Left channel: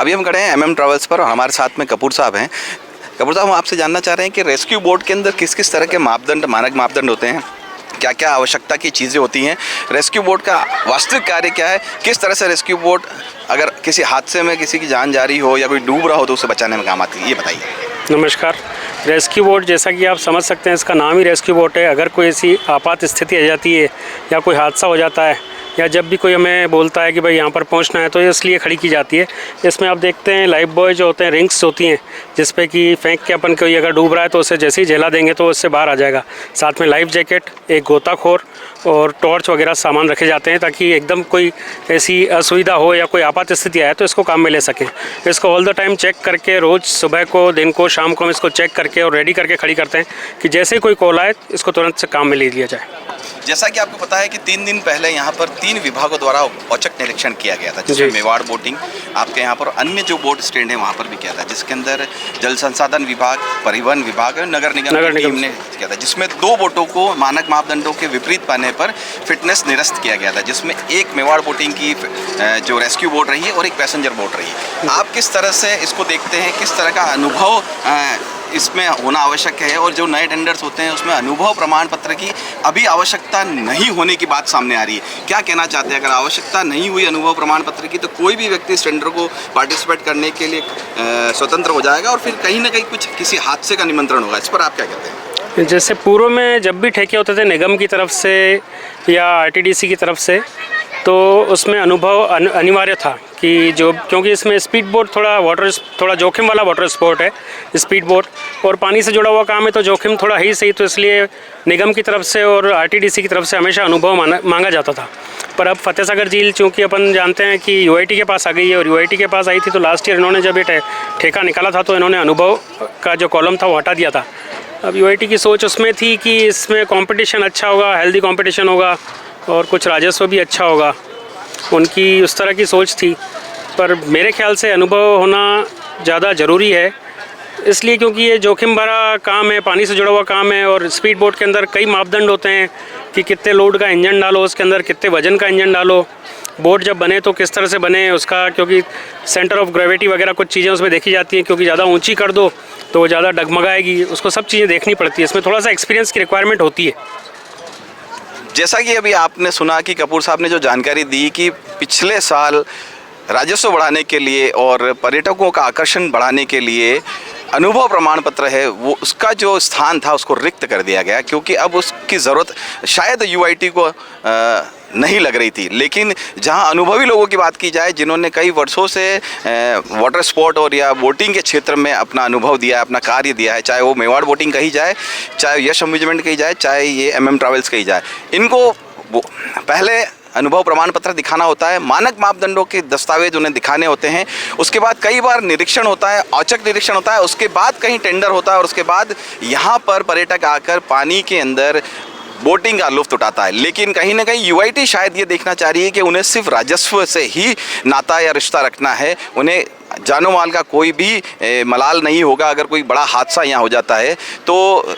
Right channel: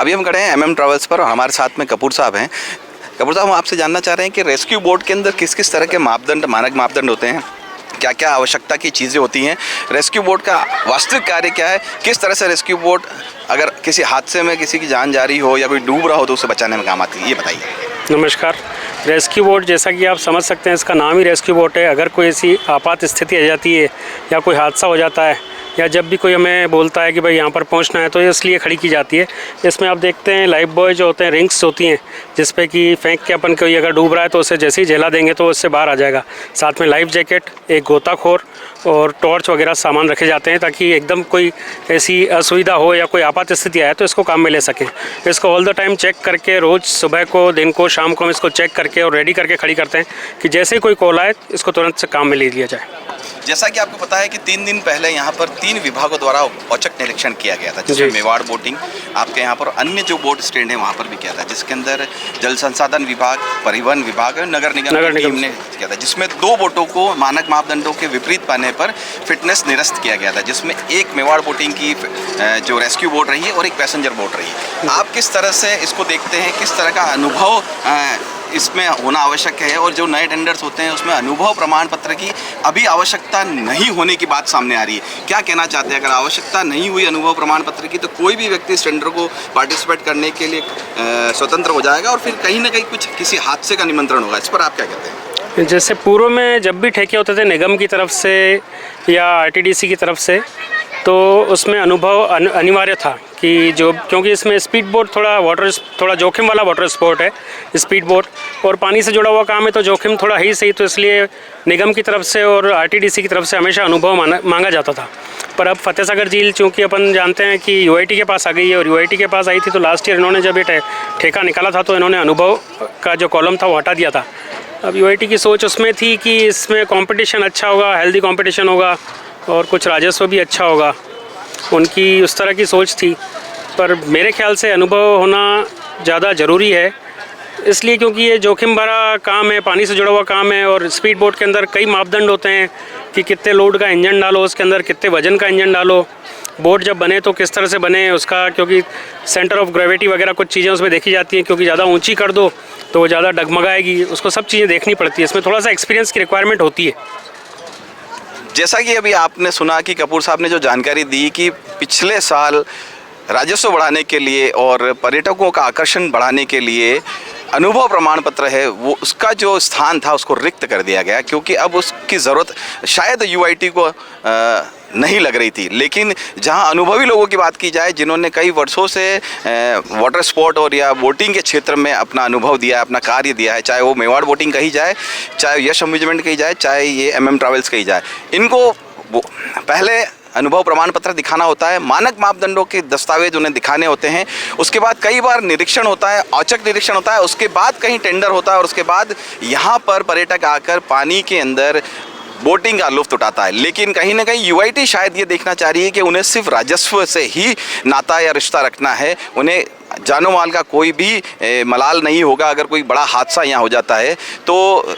अभी हम खड़े हैं MM ट्रैवल्स पर और हमारे साथ में कपूर साहब हैं। कपूर साहब, हम आपसे जानना चाह रहे हैं कि रेस्क्यू बोट के अंदर किस किस तरह के मापदंड, मानक मापदंड होते हैं, क्या क्या आवश्यकता की चीज़ें होती हैं, रेस्क्यू बोट का वास्तविक कार्य क्या है, किस तरह से रेस्क्यू बोट अगर किसी हादसे में किसी की जान जा रही हो या कोई डूब रहा हो तो उसे बचाने में काम आती है, ये बताइए। नमस्कार। रेस्क्यू बोट, जैसा कि आप समझ सकते हैं, इसका नाम ही रेस्क्यू बोट है। अगर कोई ऐसी आपात स्थिति आ जाती है या कोई हादसा हो जाता है या जब भी कोई हमें बोलता है कि भाई यहाँ पर पहुँचना है, तो इसलिए खड़ी की जाती है। इसमें आप देखते हैं लाइफ बॉय जो होते हैं, रिंग्स होती हैं जिस पे कि फेंक के अपन कोई अगर डूब रहा है तो उसे जैसे ही झेला देंगे तो उससे बाहर आ जाएगा। साथ में लाइफ जैकेट, एक गोताखोर और टॉर्च वगैरह सामान रखे जाते हैं ताकि एकदम कोई ऐसी असुविधा हो या कोई आपात स्थिति आए तो इसको काम में ले सकें। इसको ऑल द टाइम चेक करके, रोज़ सुबह को, दिन को, शाम को हम इसको चेक करके और रेडी करके खड़ी करते हैं कि जैसे ही कोई कॉल आए इसको तुरंत से काम में ले लिया जाए। जैसा कि आपको पता है कि 3 दिन पहले यहाँ पर 3 विभागों द्वारा औचक निरीक्षण किया गया था, जिसमें मेवाड़ बोटिंग आपके यहाँ पर अन्य जो बोट स्टैंड है वहाँ पर भी किया था, जिसके अंदर जल संसाधन विभाग, परिवहन विभाग और नगर निगम की टीम ने किया था, जिसमें 2 बोटों को मानक मापदंडों के विपरीत पाने पर फिटनेस निरस्त किया गया था, जिसमें एक मेवाड़ बोटिंग की जो रेस्क्यू बोट रही है और एक पैसेंजर बोट रही है। आप किस तरह से इसको देखते हैं, किस तरह का अनुभव इसमें होना आवश्यक है, और जो नए टेंडर्स होते हैं उसमें अनुभव प्रमाण पत्र की अभी आवश्यकता नहीं होने की बात सामने आ रही है, क्या कहना चाहते हैं? अगर आवश्यकता नहीं हुई अनुभव प्रमाण पत्र की तो कोई भी व्यक्ति इस टेंडर को पार्टिसिपेट करने के लिए स्वतंत्र हो जाएगा और फिर कहीं ना कहीं कुछ किसी हादसे का निमंत्रण होगा। इस पर आप क्या कहते हैं? जैसे पूर्व में जब भी ठेके होते थे निगम की तरफ से या RTDC की तरफ से, तो उसमें अनुभव अनिवार्य था कि जो, क्योंकि इसमें स्पीड बोट थोड़ा जोखिम वाला वाटर स्पोर्ट है स्पीड बोट, और पानी से जुड़ा हुआ काम है तो जोखिम थोड़ा ही सही, तो इसलिए निगम की तरफ से और RTDC की तरफ से हमेशा अनुभव मांगा जाता था। पर अब फतेह सागर झील, चूँकि अपन जानते हैं कि UIT के पास आ गई है, और UIT के पास आई थी तो लास्ट ईयर इन्होंने जब ये ठेका निकाला था तो इन्होंने अनुभव का जो कॉलम था वो हटा दिया था। अब UIT की सोच उसमें थी कि इसमें कंपटीशन अच्छा होगा, हेल्दी कंपटीशन होगा और कुछ राजस्व भी अच्छा होगा, उनकी उस तरह की सोच थी। पर मेरे ख्याल से अनुभव होना ज़्यादा ज़रूरी है, इसलिए क्योंकि ये जोखिम भरा काम है, पानी से जुड़ा हुआ काम है, और स्पीड बोट के अंदर कई मापदंड होते हैं कि कितने लोड का इंजन डालो, उसके अंदर कितने वजन का इंजन डालो, बोट जब बने तो किस तरह से बने उसका, क्योंकि सेंटर ऑफ ग्रेविटी वगैरह कुछ चीज़ें उसमें देखी जाती हैं, क्योंकि ज़्यादा ऊंची कर दो तो वो ज़्यादा डगमगाएगी, उसको सब चीज़ें देखनी पड़ती है। इसमें थोड़ा सा एक्सपीरियंस की रिक्वायरमेंट होती है। जैसा कि अभी आपने सुना कि कपूर साहब ने जो जानकारी दी कि पिछले साल राजस्व बढ़ाने के लिए और पर्यटकों का आकर्षण बढ़ाने के लिए अनुभव प्रमाण पत्र है, वो उसका जो स्थान था उसको रिक्त कर दिया गया, क्योंकि अब उसकी ज़रूरत शायद UIT को नहीं लग रही थी। लेकिन जहां अनुभवी लोगों की बात की जाए, जिन्होंने कई वर्षों से वाटर स्पोर्ट और या बोटिंग के क्षेत्र में अपना अनुभव दिया है, अपना कार्य दिया है, चाहे वो मेवाड़ बोटिंग कही जाए, चाहे यश अम्यूजमेंट कही जाए, चाहे ये MM ट्रैवल्स कही जाए, इनको पहले अनुभव प्रमाण पत्र दिखाना होता है, मानक मापदंडों के दस्तावेज उन्हें दिखाने होते हैं, उसके बाद कई बार निरीक्षण होता है, औचक निरीक्षण होता है, उसके बाद कहीं टेंडर होता है और उसके बाद यहाँ पर पर्यटक आकर पानी के अंदर बोटिंग का लुत्फ उठाता है। लेकिन कहीं ना कहीं UIT शायद ये देखना चाह रही है कि उन्हें सिर्फ राजस्व से ही नाता या रिश्ता रखना है, उन्हें जानो माल का कोई भी मलाल नहीं होगा। अगर कोई बड़ा हादसा यहाँ हो जाता है तो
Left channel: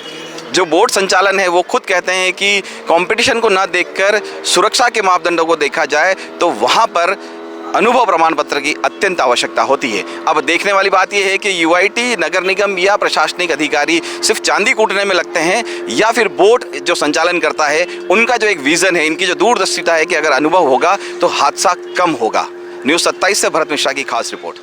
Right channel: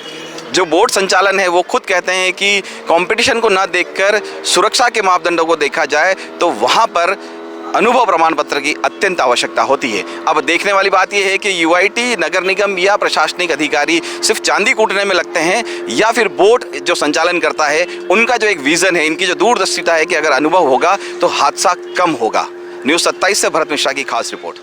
जो बोट संचालन है वो खुद कहते हैं कि कंपटीशन को ना देखकर सुरक्षा के मापदंडों को देखा जाए तो वहाँ पर अनुभव प्रमाण पत्र की अत्यंत आवश्यकता होती है। अब देखने वाली बात यह है कि UIT, नगर निगम या प्रशासनिक अधिकारी सिर्फ चांदी कूटने में लगते हैं या फिर बोट जो संचालन करता है उनका जो एक विज़न है, इनकी जो दूरदर्शिता है कि अगर अनुभव होगा तो हादसा कम होगा। न्यूज़ 27 से भरत मिश्रा की खास रिपोर्ट।